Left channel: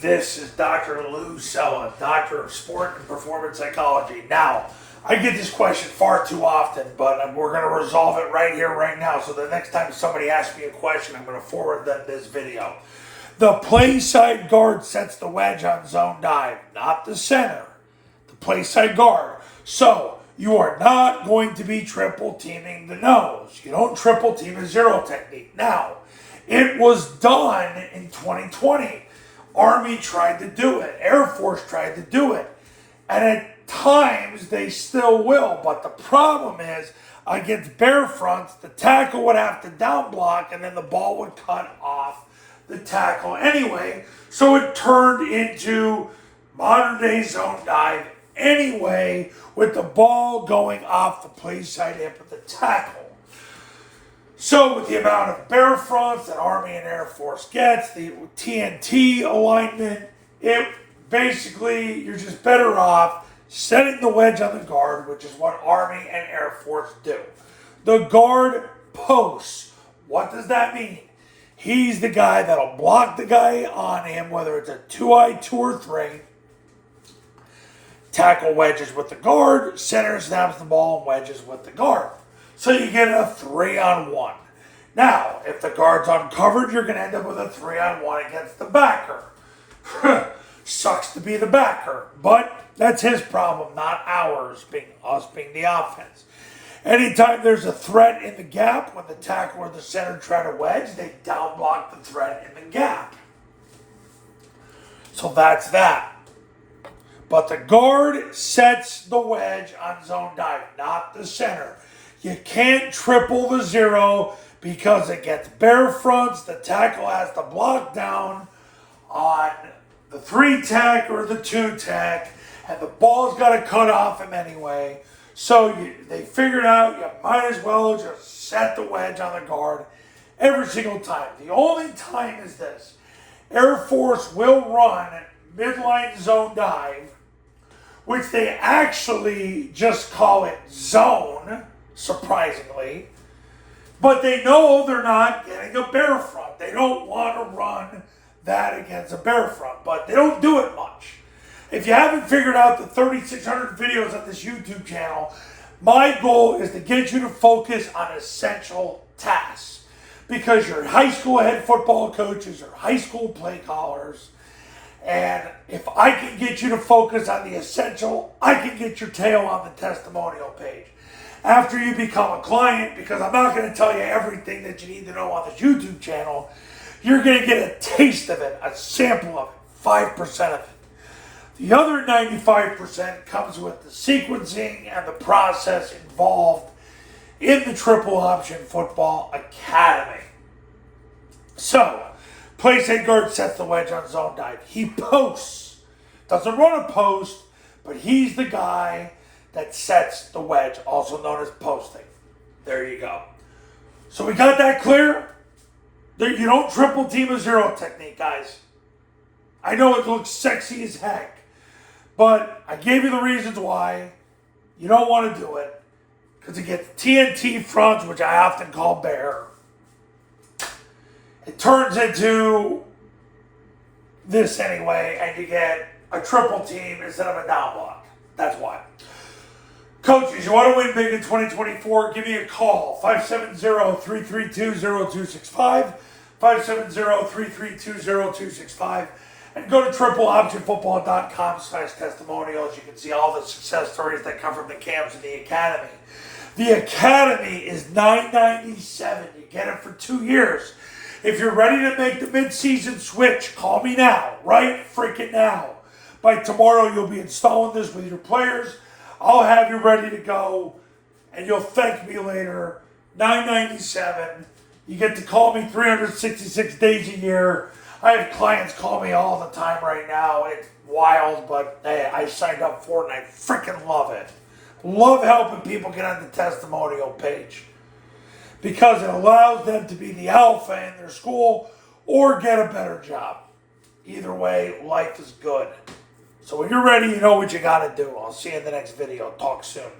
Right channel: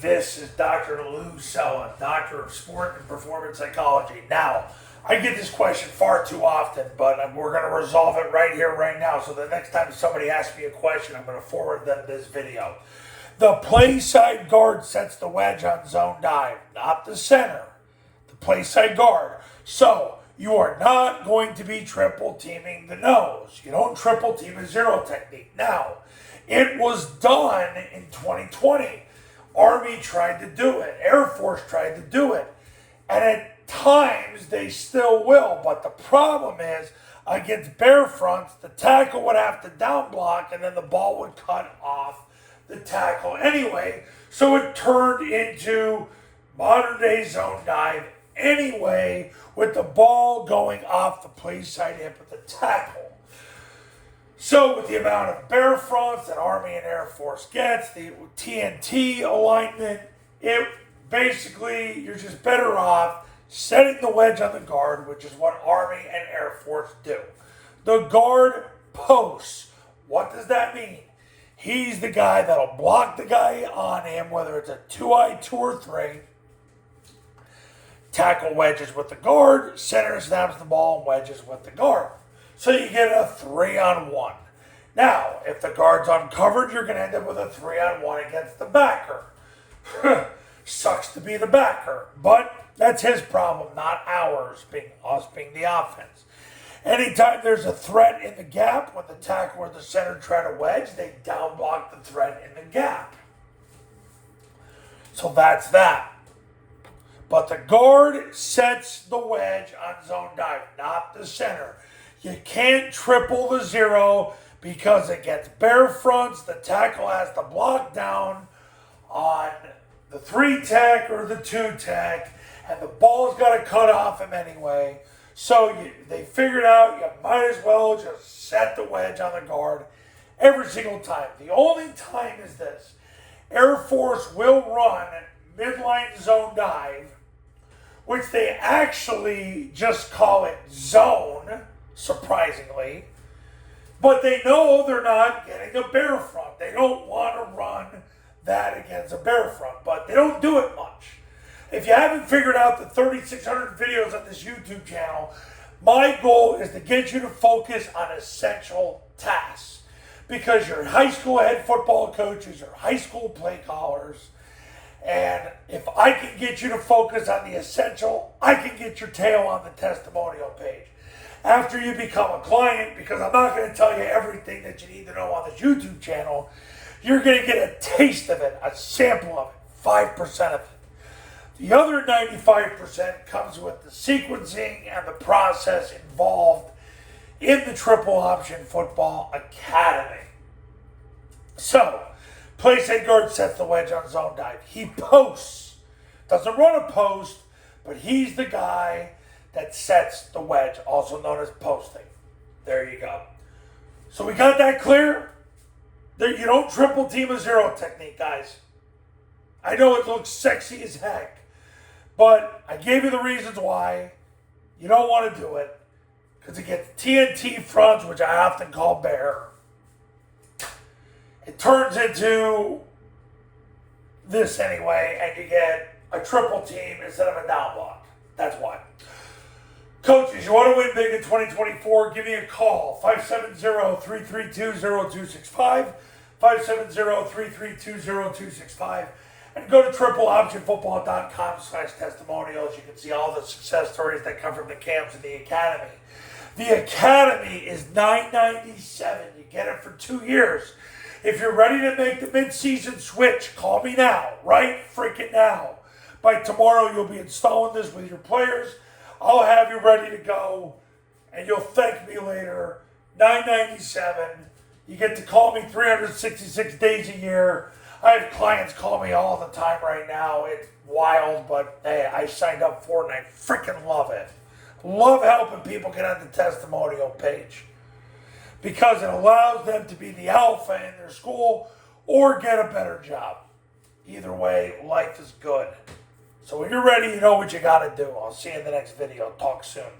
This is Dr. Lou Sella, Doctor of Sport and Performance Psychology. Now, I get this question far too often, but we're going to resolve it right here, right now. So the next time somebody asks me a question, I'm going to forward them this video. The Playside guard sets the wedge on zone dive, not the center. The Playside guard. So, you are not going to be triple teaming the nose. You don't triple team a zero technique. Now, it was done in 2020. Army tried to do it. Air Force tried to do it. And at times, they still will. But the problem is, against bear fronts, the tackle would have to down block, and then the ball would cut off the tackle anyway. So it turned into modern day zone dive anyway, with the ball going off the play side hip of the tackle. So with the amount of bear fronts that Army and Air Force gets, the TNT alignment, it basically, you're just better off setting the wedge on the guard, which is what Army and Air Force do. The guard posts. What does that mean? He's the guy that'll block the guy on him, whether it's a 2-eye, 2 or 3. Tackle wedges with the guard, center snaps the ball and wedges with the guard. So you get a 3-on-1. Now, if the guard's uncovered, you're going to end up with a 3-on-1 against the backer. Sucks to be the backer, but that's his problem, not ours, us being the offense. Anytime there's a threat in the gap, when the tackle or the center try to wedge, they down block the threat in the gap. So that's that. But the guard sets the wedge on zone dive, not the center. You can't triple the zero because it gets bear fronts. The tackle has to block down on the 3 tack or the 2 tack, and the ball's got to cut off him anyway. So they figured out you might as well just set the wedge on the guard every single time. The only time is this. Air Force will run midline zone dive, which they actually just call it zone, surprisingly. But they know they're not getting a bear front. They don't want to run that against a bear front, but they don't do it much. If you haven't figured out the 3,600 videos on this YouTube channel, my goal is to get you to focus on essential tasks. Because you're high school head football coaches or high school play callers, and if I can get you to focus on the essential, I can get your tail on the testimonial page. After you become a client, because I'm not going to tell you everything that you need to know on this YouTube channel, you're going to get a taste of it, a sample of it, 5% of it. The other 95% comes with the sequencing and the process involved in the Triple Option Football Academy. So, Playside guard sets the wedge on zone dive. He posts. Doesn't run a post, but he's the guy that sets the wedge, also known as posting. There you go. So we got that clear? You don't triple team a zero technique, guys. I know it looks sexy as heck, but I gave you the reasons why you don't want to do it. Because it gets TNT fronts, which I often call bear. It turns into this anyway, and you get a triple team instead of a down block. That's why. Coaches, you want to win big in 2024? Give me a call. 570-332-0265. 570-332-0265. And go to tripleoptionfootball.com/testimonials. You can see all the success stories that come from the camps and the academy. The academy is $997. You get it for 2 years. If you're ready to make the mid-season switch, call me now. Right freaking now. By tomorrow, you'll be installing this with your players. I'll have you ready to go, and you'll thank me later. $997. You get to call me 366 days a year. I have clients call me all the time right now. It's wild, but hey, I signed up for it, and I freaking love it. Love helping people get on the testimonial page because it allows them to be the alpha in their school or get a better job. Either way, life is good. So when you're ready, you know what you got to do. I'll see you in the next video. Talk soon.